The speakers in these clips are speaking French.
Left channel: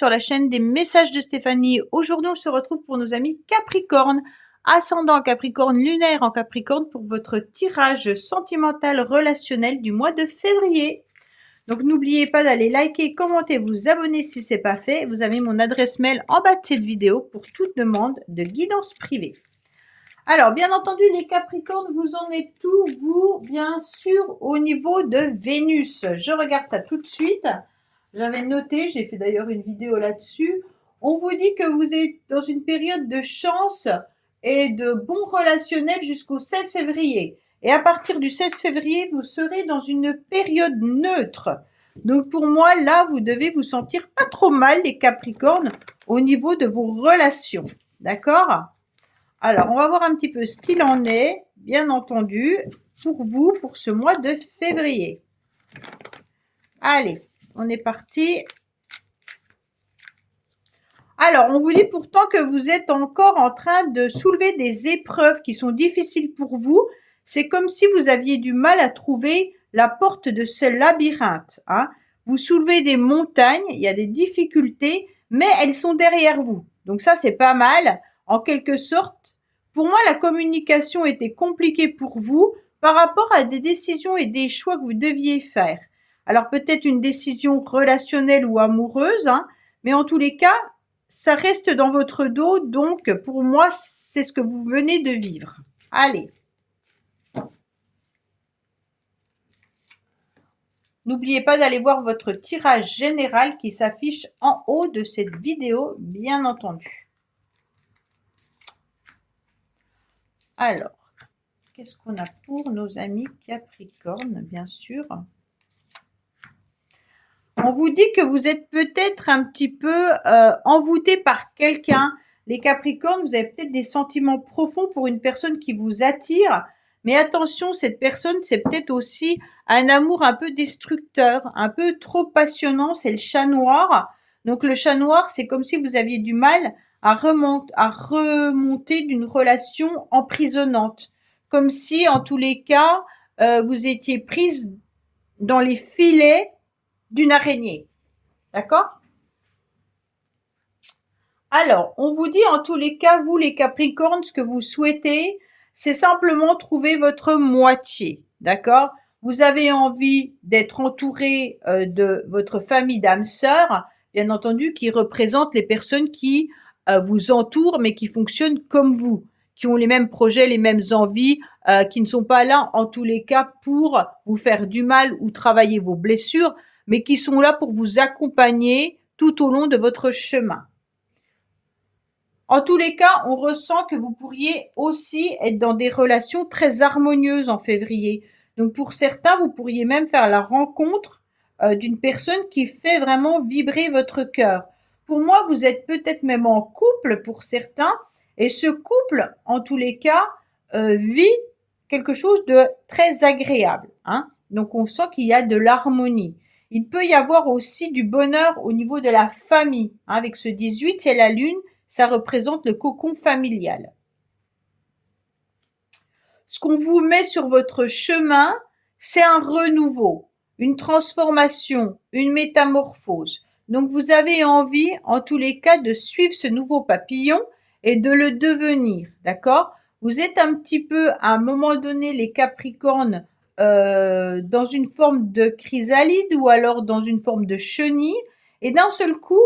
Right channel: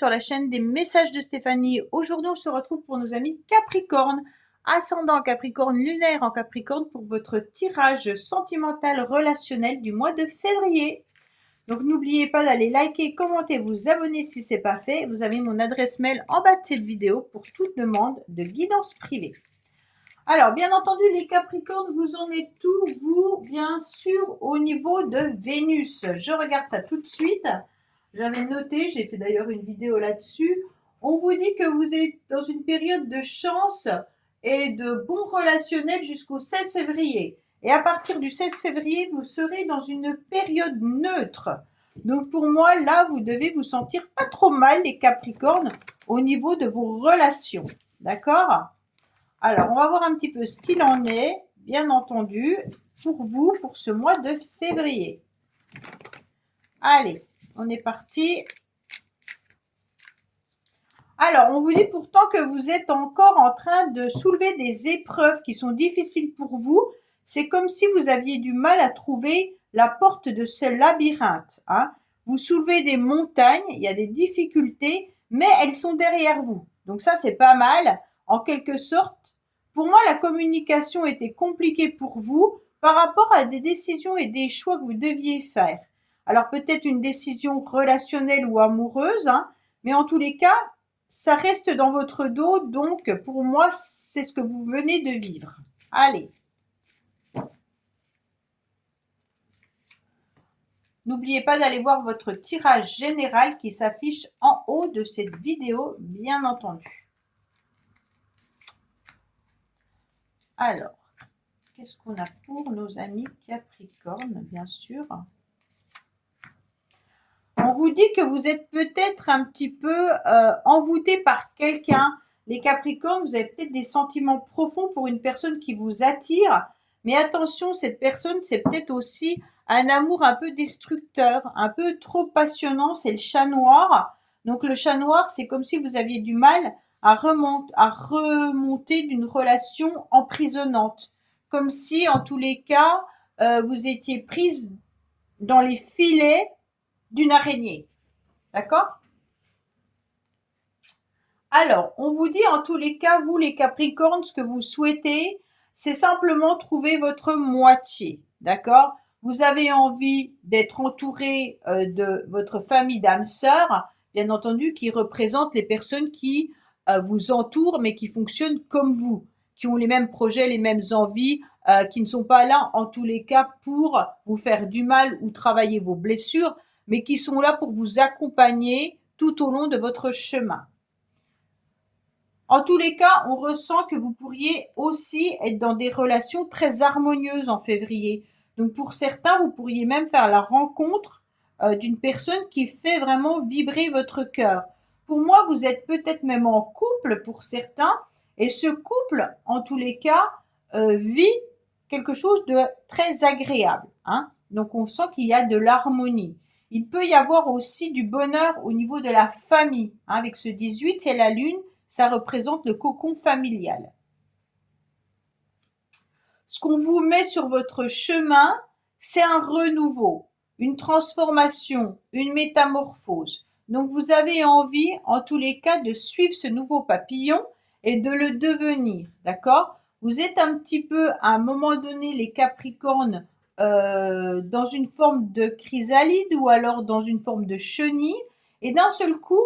sur la chaîne des messages de Stéphanie. Aujourd'hui, on se retrouve pour nos amis Capricorne, ascendant Capricorne, lunaire en Capricorne pour votre tirage sentimental relationnel du mois de février. Donc, n'oubliez pas d'aller liker, commenter, vous abonner si ce n'est pas fait. Vous avez mon adresse mail en bas de cette vidéo pour toute demande de guidance privée. Alors, bien entendu, les Capricornes, vous en êtes où, vous, bien sûr, au niveau de Vénus. Je regarde ça tout de suite. J'avais noté, j'ai fait d'ailleurs une vidéo là-dessus. On vous dit que vous êtes dans une période de chance et de bon relationnel jusqu'au 16 février. Et à partir du 16 février, vous serez dans une période neutre. Donc pour moi, là, vous devez vous sentir pas trop mal, les Capricornes, au niveau de vos relations. D'accord ? Alors, on va voir un petit peu ce qu'il en est, bien entendu, pour vous, pour ce mois de février. Allez, on est parti. Alors, on vous dit pourtant que vous êtes encore en train de soulever des épreuves qui sont difficiles pour vous. C'est comme si vous aviez du mal à trouver la porte de ce labyrinthe. Hein. Vous soulevez des montagnes, il y a des difficultés, mais elles sont derrière vous. Donc ça, c'est pas mal. En quelque sorte, pour moi, la communication était compliquée pour vous par rapport à des décisions et des choix que vous deviez faire. Alors peut-être une décision relationnelle ou amoureuse, hein, mais en tous les cas, ça reste dans votre dos, donc pour moi, c'est ce que vous venez de vivre. Allez. N'oubliez pas d'aller voir votre tirage général qui s'affiche en haut de cette vidéo, bien entendu. Alors, qu'est-ce qu'on a pour nos amis Capricorne, bien sûr. On vous dit que vous êtes peut-être un petit peu envoûté par quelqu'un. Les Capricornes, vous avez peut-être des sentiments profonds pour une personne qui vous attire. Mais attention, cette personne, c'est peut-être aussi un amour un peu destructeur, un peu trop passionnant. C'est le chat noir. Donc le chat noir, c'est comme si vous aviez du mal à remonter d'une relation emprisonnante. Comme si, en tous les cas, vous étiez prise dans les filets d'une araignée. D'accord ? Alors, on vous dit en tous les cas, vous les Capricornes, ce que vous souhaitez, c'est simplement trouver votre moitié. D'accord ? Vous avez envie d'être entouré de votre famille d'âmes sœurs, bien entendu, qui représentent les personnes qui vous entourent, mais qui fonctionnent comme vous, qui ont les mêmes projets, les mêmes envies, qui ne sont pas là, en tous les cas, pour vous faire du mal ou travailler vos blessures, mais qui sont là pour vous accompagner tout au long de votre chemin. En tous les cas, on ressent que vous pourriez aussi être dans des relations très harmonieuses en février. Donc pour certains, vous pourriez même faire la rencontre d'une personne qui fait vraiment vibrer votre cœur. Pour moi, vous êtes peut-être même en couple pour certains, et ce couple, en tous les cas, vit quelque chose de très agréable. Hein. Donc on sent qu'il y a de l'harmonie. Il peut y avoir aussi du bonheur au niveau de la famille. Hein. Avec ce 18, c'est la lune. Ça représente le cocon familial. Ce qu'on vous met sur votre chemin, c'est un renouveau, une transformation, une métamorphose. Donc vous avez envie, en tous les cas, de suivre ce nouveau papillon et de le devenir, d'accord ? Vous êtes un petit peu, à un moment donné, les Capricornes, dans une forme de chrysalide ou alors dans une forme de chenille, et d'un seul coup,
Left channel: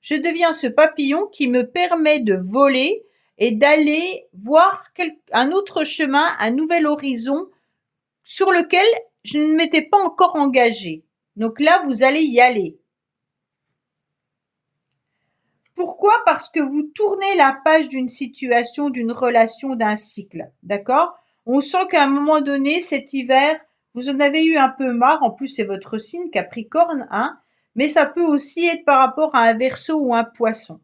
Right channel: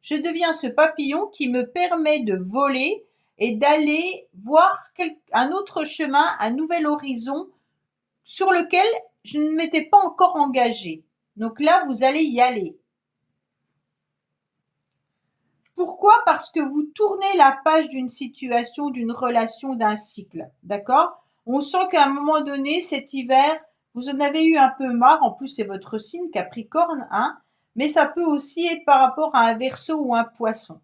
je deviens ce papillon qui me permet de voler et d'aller voir un autre chemin, un nouvel horizon sur lequel je ne m'étais pas encore engagée. Donc là, vous allez y aller. Pourquoi ? Parce que vous tournez la page d'une situation, d'une relation, d'un cycle. D'accord ? On sent qu'à un moment donné, cet hiver, vous en avez eu un peu marre. En plus, c'est votre signe Capricorne, hein ? Mais ça peut aussi être par rapport à un Verseau ou un Poisson.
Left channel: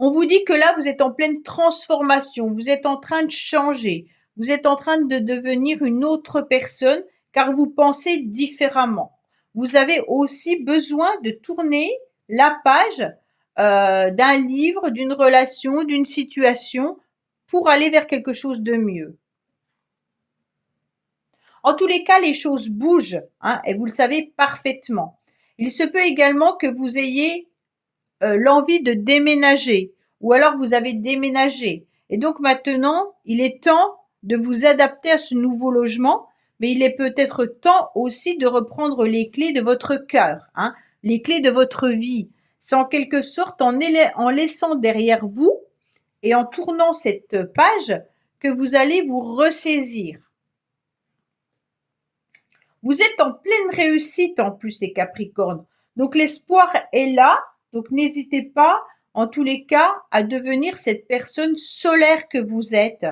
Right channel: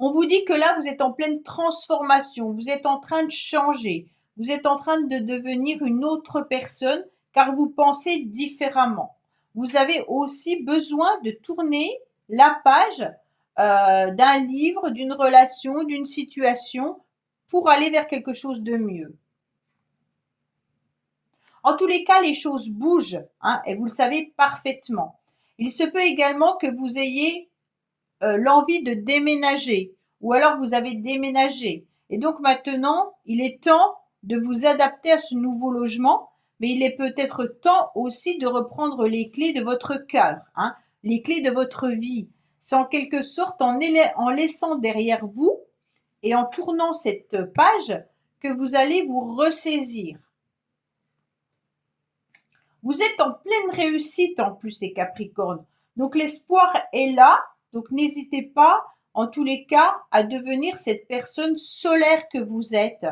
On vous dit que là, vous êtes en pleine transformation, vous êtes en train de changer, vous êtes en train de devenir une autre personne car vous pensez différemment. Vous avez aussi besoin de tourner la page d'un livre, d'une relation, d'une situation pour aller vers quelque chose de mieux. En tous les cas, les choses bougent, hein, et vous le savez parfaitement. Il se peut également que vous ayez l'envie de déménager ou alors vous avez déménagé. Et donc maintenant, il est temps de vous adapter à ce nouveau logement, mais il est peut-être temps aussi de reprendre les clés de votre cœur, hein, les clés de votre vie. C'est en quelque sorte en laissant derrière vous et en tournant cette page que vous allez vous ressaisir. Vous êtes en pleine réussite en plus les Capricornes. Donc l'espoir est là. Donc n'hésitez pas en tous les cas à devenir cette personne solaire que vous êtes.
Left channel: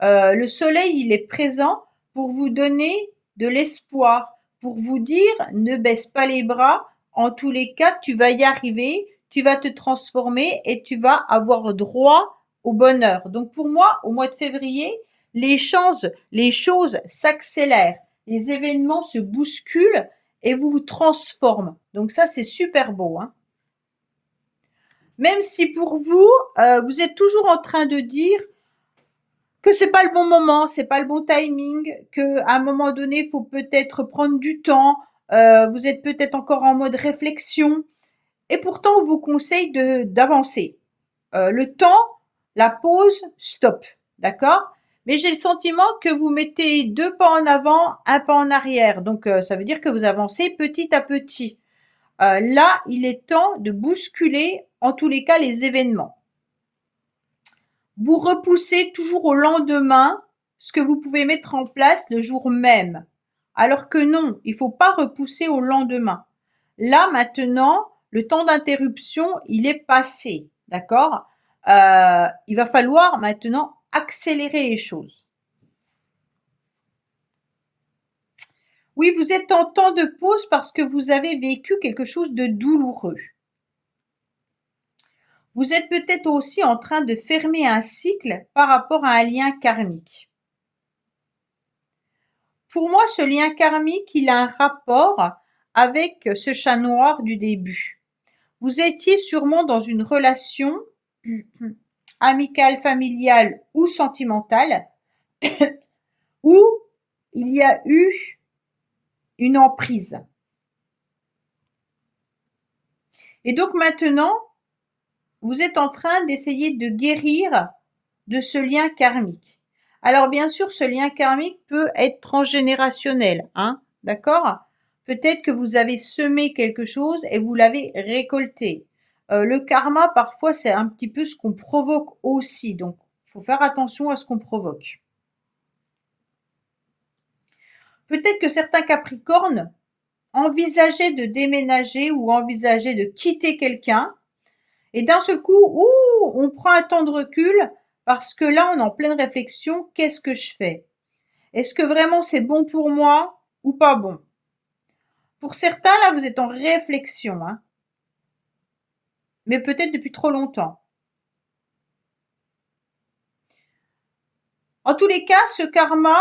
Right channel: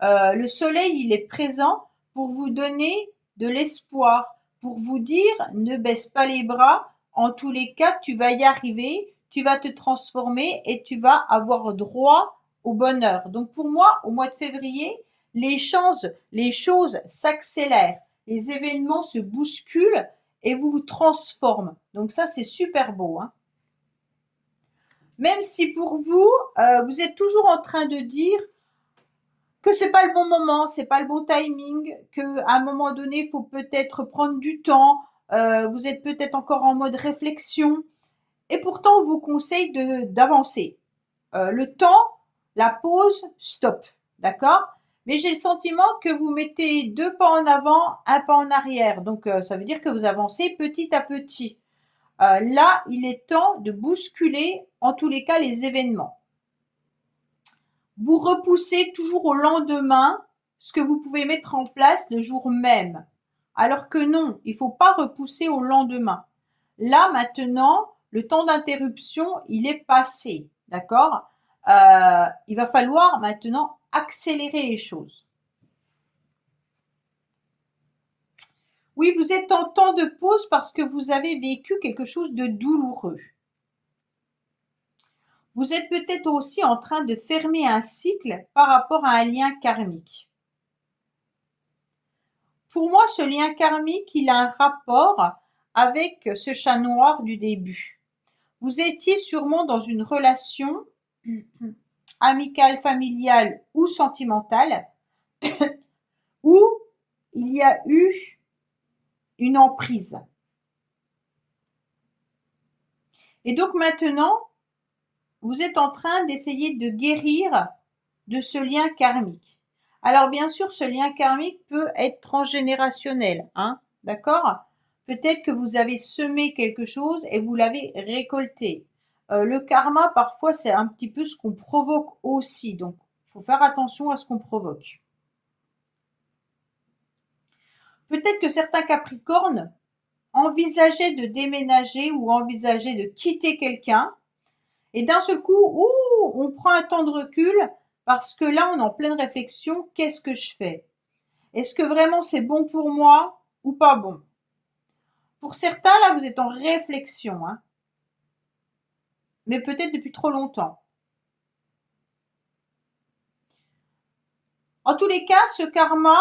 Le soleil, il est présent pour vous donner de l'espoir, pour vous dire ne baisse pas les bras. En tous les cas, tu vas y arriver, tu vas te transformer et tu vas avoir droit au bonheur. Donc pour moi, au mois de février, les choses s'accélèrent, les événements se bousculent et vous transforment. Donc ça, c'est super beau, hein. Même si pour vous, vous êtes toujours en train de dire que c'est pas le bon moment, c'est pas le bon timing, que à un moment donné, il faut peut-être prendre du temps. Vous êtes peut-être encore en mode réflexion, et pourtant on vous conseille d'avancer. Le temps, la pause, stop, d'accord? Mais j'ai le sentiment que vous mettez 2 pas en avant, un pas en arrière. Donc ça veut dire que vous avancez petit à petit. Là, il est temps de bousculer, en tous les cas, les événements. Vous repoussez toujours au lendemain ce que vous pouvez mettre en place le jour même. Alors que non, il ne faut pas repousser au lendemain. Là, maintenant, le temps d'interruption, il est passé, d'accord? Il va falloir maintenant accélérer les choses. Oui, vous êtes en temps de pause parce que vous avez vécu quelque chose de douloureux. Vous êtes peut-être aussi en train de fermer un cycle par rapport à un lien karmique. Pour moi, ce lien karmique, il a un rapport avec ce chat noir du début. Vous étiez sûrement dans une relation amicale, familiale ou sentimentale où il y a eu une emprise. Et donc maintenant, vous êtes en train d'essayer de guérir de ce lien karmique. Alors bien sûr, ce lien karmique peut être transgénérationnel, hein, d'accord? Peut-être que vous avez semé quelque chose et vous l'avez récolté. Le karma, parfois, c'est un petit peu ce qu'on provoque aussi. Donc, il faut faire attention à ce qu'on provoque. Peut-être que certains Capricornes envisageaient de déménager ou envisageaient de quitter quelqu'un. Et d'un seul coup, on prend un temps de recul parce que là, on est en pleine réflexion. Qu'est-ce que je fais? Est-ce que vraiment c'est bon pour moi ou pas bon? Pour certains, là, vous êtes en réflexion, hein, mais peut-être depuis trop longtemps. En tous les cas, ce karma,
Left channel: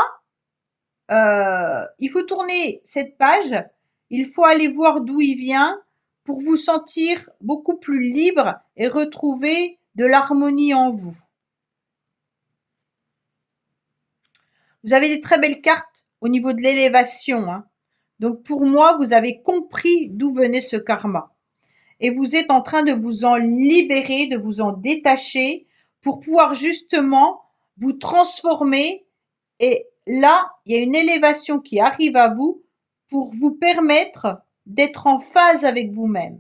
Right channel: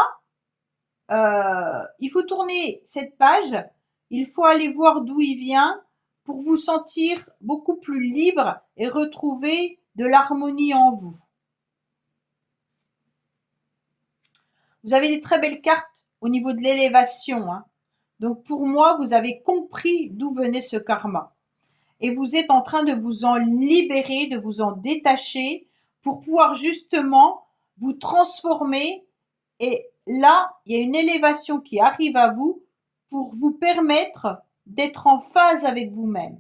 il faut tourner cette page, il faut aller voir d'où il vient pour vous sentir beaucoup plus libre et retrouver de l'harmonie en vous. Vous avez des très belles cartes au niveau de l'élévation, hein. Donc pour moi, vous avez compris d'où venait ce karma. Et vous êtes en train de vous en libérer, de vous en détacher pour pouvoir justement vous transformer. Et là, il y a une élévation qui arrive à vous pour vous permettre d'être en phase avec vous-même.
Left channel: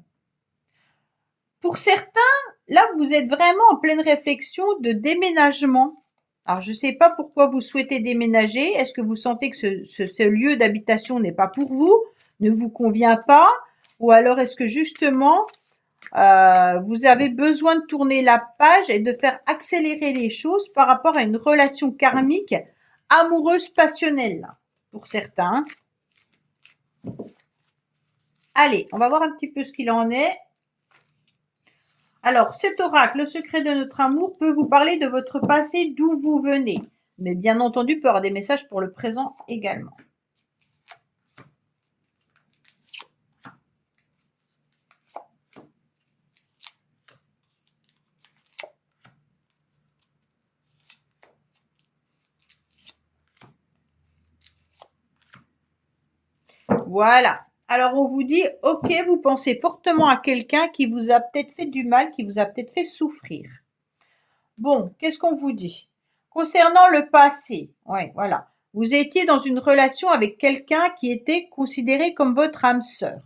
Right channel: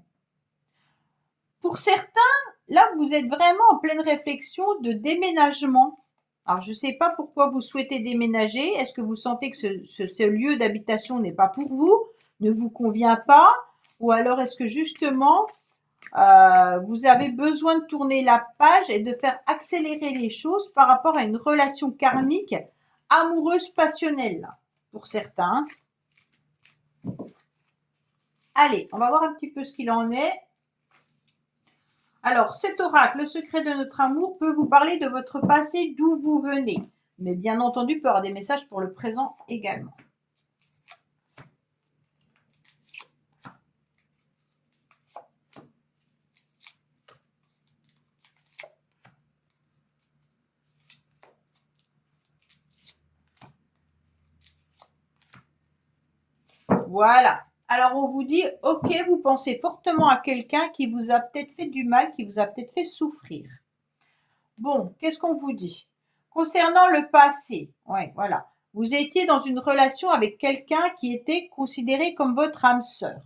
Pour certains, là, vous êtes vraiment en pleine réflexion de déménagement. Alors, je ne sais pas pourquoi vous souhaitez déménager. Est-ce que vous sentez que ce lieu d'habitation n'est pas pour vous, ne vous convient pas? Ou alors est-ce que justement, vous avez besoin de tourner la page et de faire accélérer les choses par rapport à une relation karmique amoureuse passionnelle, là, pour certains. Allez, on va voir un petit peu ce qu'il en est. Alors, cet oracle, le secret de notre amour, peut vous parler de votre passé, d'où vous venez. Mais bien entendu, peut y avoir des messages pour le présent également. Voilà. Alors on vous dit, ok, vous pensez fortement à quelqu'un qui vous a peut-être fait du mal, qui vous a peut-être fait souffrir. Bon, qu'est-ce qu'on vous dit? Concernant le passé, ouais, voilà. Vous étiez dans une relation avec quelqu'un qui était considéré comme votre âme sœur.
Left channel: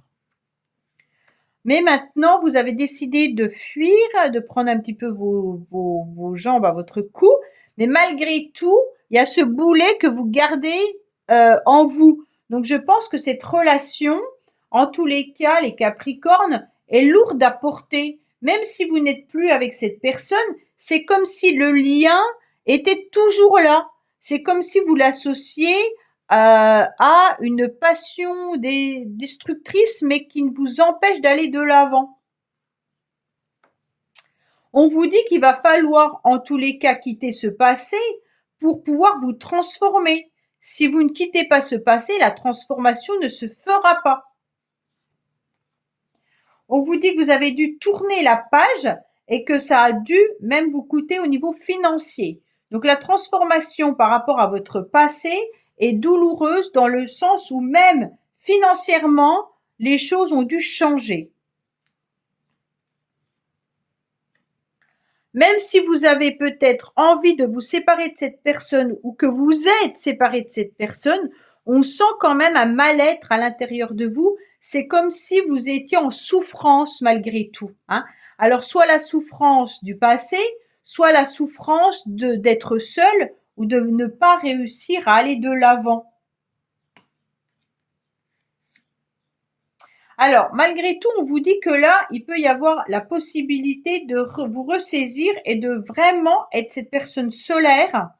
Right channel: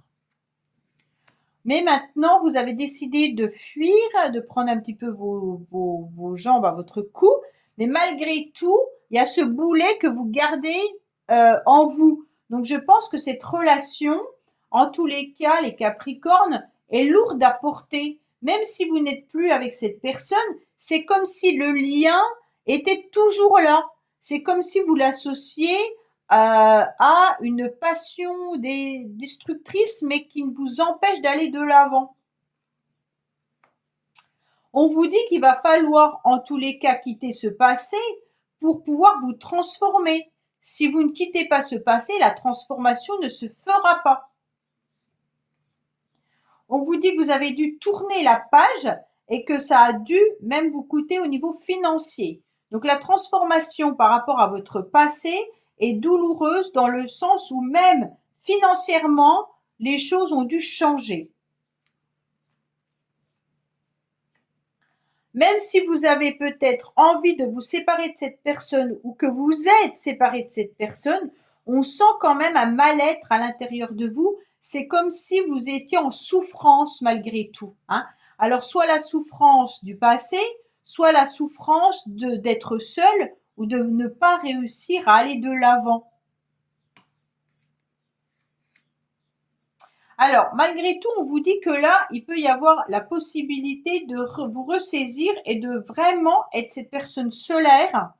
Mais maintenant, vous avez décidé de fuir, de prendre un petit peu vos jambes à votre cou. Mais malgré tout, il y a ce boulet que vous gardez en vous. Donc, je pense que cette relation, en tous les cas, les Capricornes, est lourde à porter. Même si vous n'êtes plus avec cette personne, c'est comme si le lien était toujours là. C'est comme si vous l'associez a une passion destructrice, mais qui vous empêche d'aller de l'avant. On vous dit qu'il va falloir, en tous les cas, quitter ce passé pour pouvoir vous transformer. Si vous ne quittez pas ce passé, la transformation ne se fera pas. On vous dit que vous avez dû tourner la page et que ça a dû même vous coûter au niveau financier. Donc la transformation par rapport à votre passé est douloureuse dans le sens où même financièrement, les choses ont dû changer. Même si vous avez peut-être envie de vous séparer de cette personne ou que vous êtes séparé de cette personne, on sent quand même un mal-être à l'intérieur de vous. C'est comme si vous étiez en souffrance malgré tout, hein. Alors, soit la souffrance du passé, soit la souffrance d'être seul ou de ne pas réussir à aller de l'avant. Alors, malgré tout, on vous dit que là, il peut y avoir la possibilité de vous ressaisir et de vraiment être cette personne solaire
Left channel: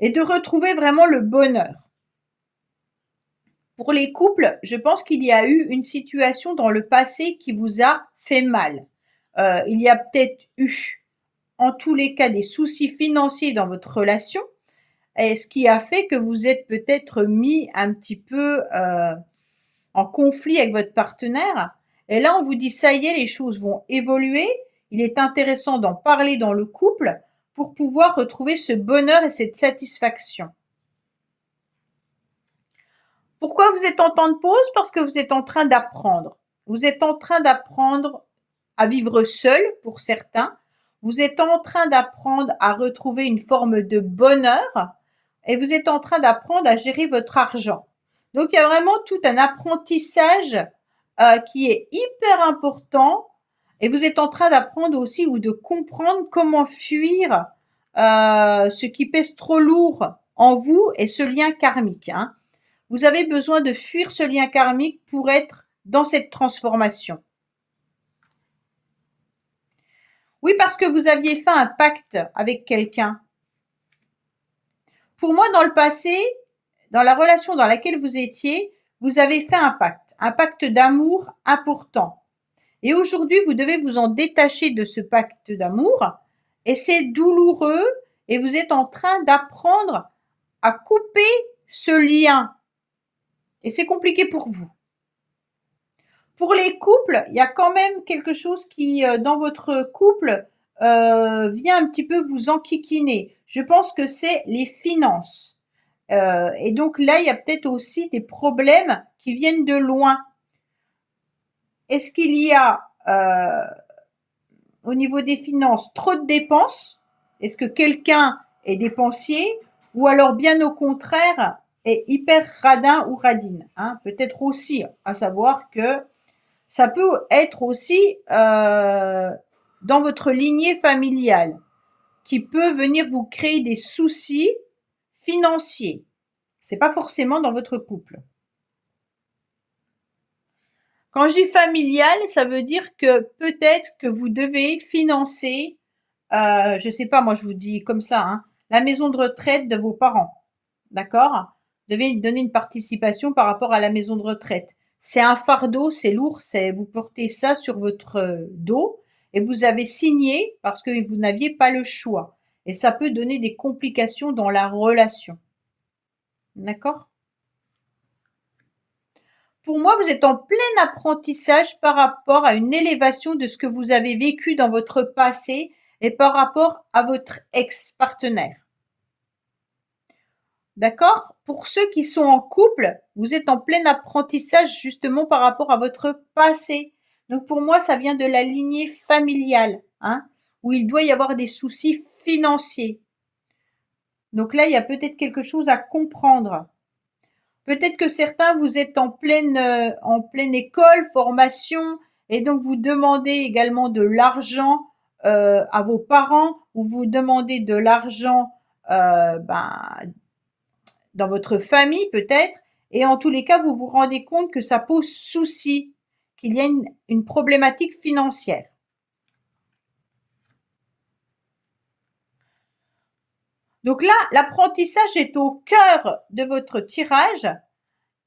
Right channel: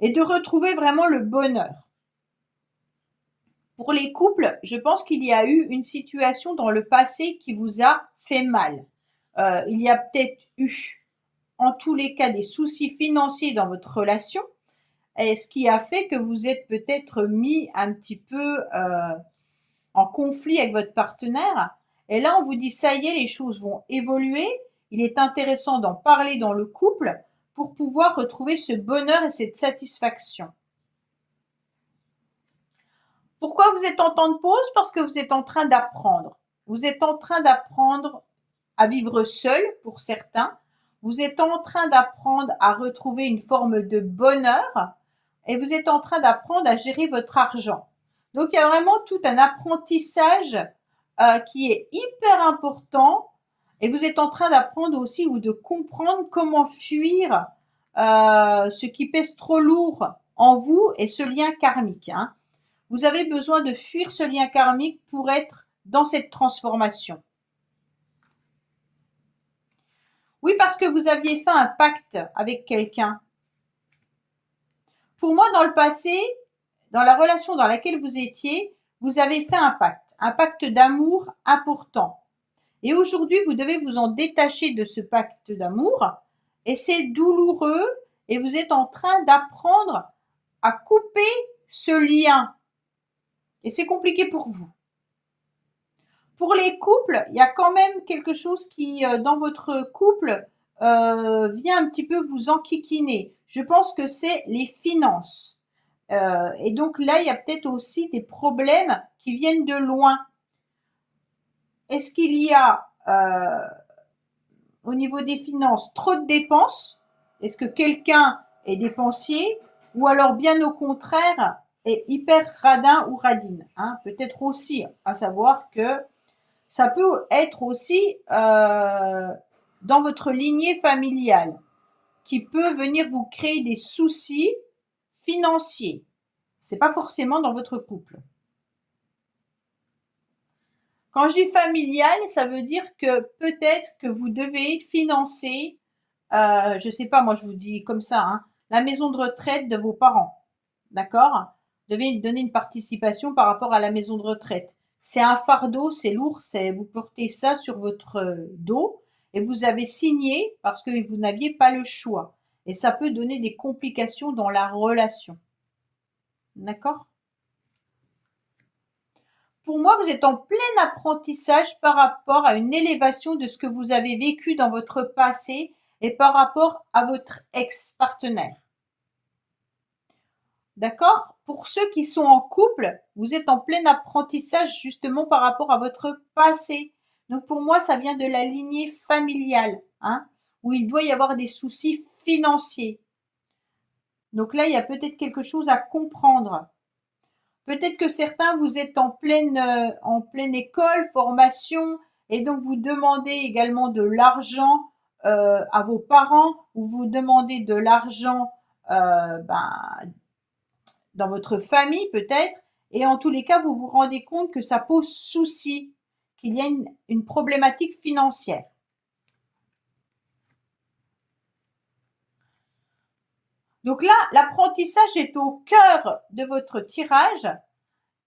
et de retrouver vraiment le bonheur. Pour les couples, je pense qu'il y a eu une situation dans le passé qui vous a fait mal. Il y a peut-être eu, en tous les cas, des soucis financiers dans votre relation, et ce qui a fait que vous êtes peut-être mis un petit peu en conflit avec votre partenaire. Et là, on vous dit, ça y est, les choses vont évoluer. Il est intéressant d'en parler dans le couple pour pouvoir retrouver ce bonheur et cette satisfaction. Pourquoi vous êtes en temps de pause? Parce que vous êtes en train d'apprendre. Vous êtes en train d'apprendre à vivre seul pour certains. Vous êtes en train d'apprendre à retrouver une forme de bonheur et vous êtes en train d'apprendre à gérer votre argent. Donc, il y a vraiment tout un apprentissage qui est hyper important et vous êtes en train d'apprendre aussi ou de comprendre comment fuir ce qui pèse trop lourd en vous et ce lien karmique, hein. Vous avez besoin de fuir ce lien karmique pour être dans cette transformation. Oui, parce que vous aviez fait un pacte avec quelqu'un. Pour moi, dans le passé, dans la relation dans laquelle vous étiez, vous avez fait un pacte d'amour important. Et aujourd'hui, vous devez vous en détacher de ce pacte d'amour. Et c'est douloureux et vous êtes en train d'apprendre à couper ce lien. Et c'est compliqué pour vous. Pour les couples, il y a quand même quelque chose qui, dans votre couple, vient un petit peu vous enquiquiner. Je pense que c'est les finances. Et donc là, il y a peut-être aussi des problèmes qui viennent de loin. Est-ce qu'il y a, au niveau des finances, trop de dépenses? Est-ce que quelqu'un est dépensier? Ou alors, bien au contraire, est hyper radin ou radine, hein? Peut-être aussi, à savoir que ça peut être aussi dans votre lignée familiale qui peut venir vous créer des soucis financiers. C'est pas forcément dans votre couple. Quand je dis familial, ça veut dire que peut-être que vous devez financer, je sais pas, moi je vous dis comme ça, hein, la maison de retraite de vos parents. D'accord? Vous devez donner une participation par rapport à la maison de retraite. C'est un fardeau, c'est lourd, vous portez ça sur votre dos et vous avez signé parce que vous n'aviez pas le choix. Et ça peut donner des complications dans la relation. D'accord? Pour moi, vous êtes en plein apprentissage par rapport à une élévation de ce que vous avez vécu dans votre passé et par rapport à votre ex-partenaire. D'accord? Pour ceux qui sont en couple, vous êtes en plein apprentissage justement par rapport à votre passé. Donc pour moi, ça vient de la lignée familiale, hein, où il doit y avoir des soucis financiers. Donc là, il y a peut-être quelque chose à comprendre. Peut-être que certains, vous êtes en pleine école, formation, et donc vous demandez également de l'argent à vos parents, ou vous demandez de l'argent ben, dans votre famille peut-être, et en tous les cas, vous vous rendez compte que ça pose souci, qu'il y a une problématique financière. Donc là, l'apprentissage est au cœur de votre tirage.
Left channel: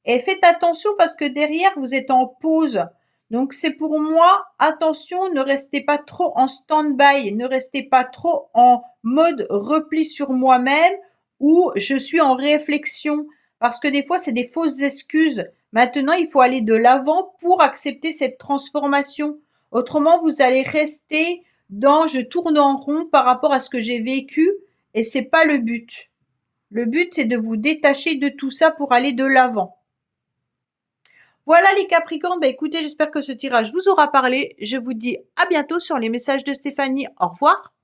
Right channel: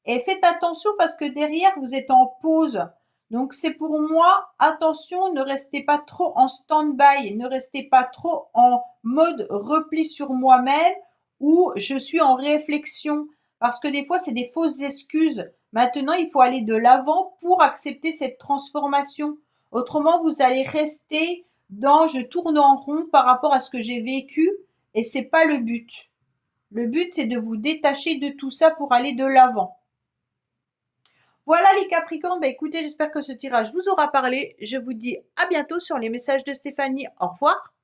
Et faites attention parce que derrière, vous êtes en pause. Donc c'est pour moi, attention, ne restez pas trop en stand-by, ne restez pas trop en mode repli sur moi-même ou je suis en réflexion. Parce que des fois, c'est des fausses excuses. Maintenant, il faut aller de l'avant pour accepter cette transformation. Autrement, vous allez rester dans je tourne en rond par rapport à ce que j'ai vécu et c'est pas le but. Le but, c'est de vous détacher de tout ça pour aller de l'avant. Voilà les Capricornes, bah écoutez, j'espère que ce tirage vous aura parlé. Je vous dis à bientôt sur les messages de Stéphanie. Au revoir.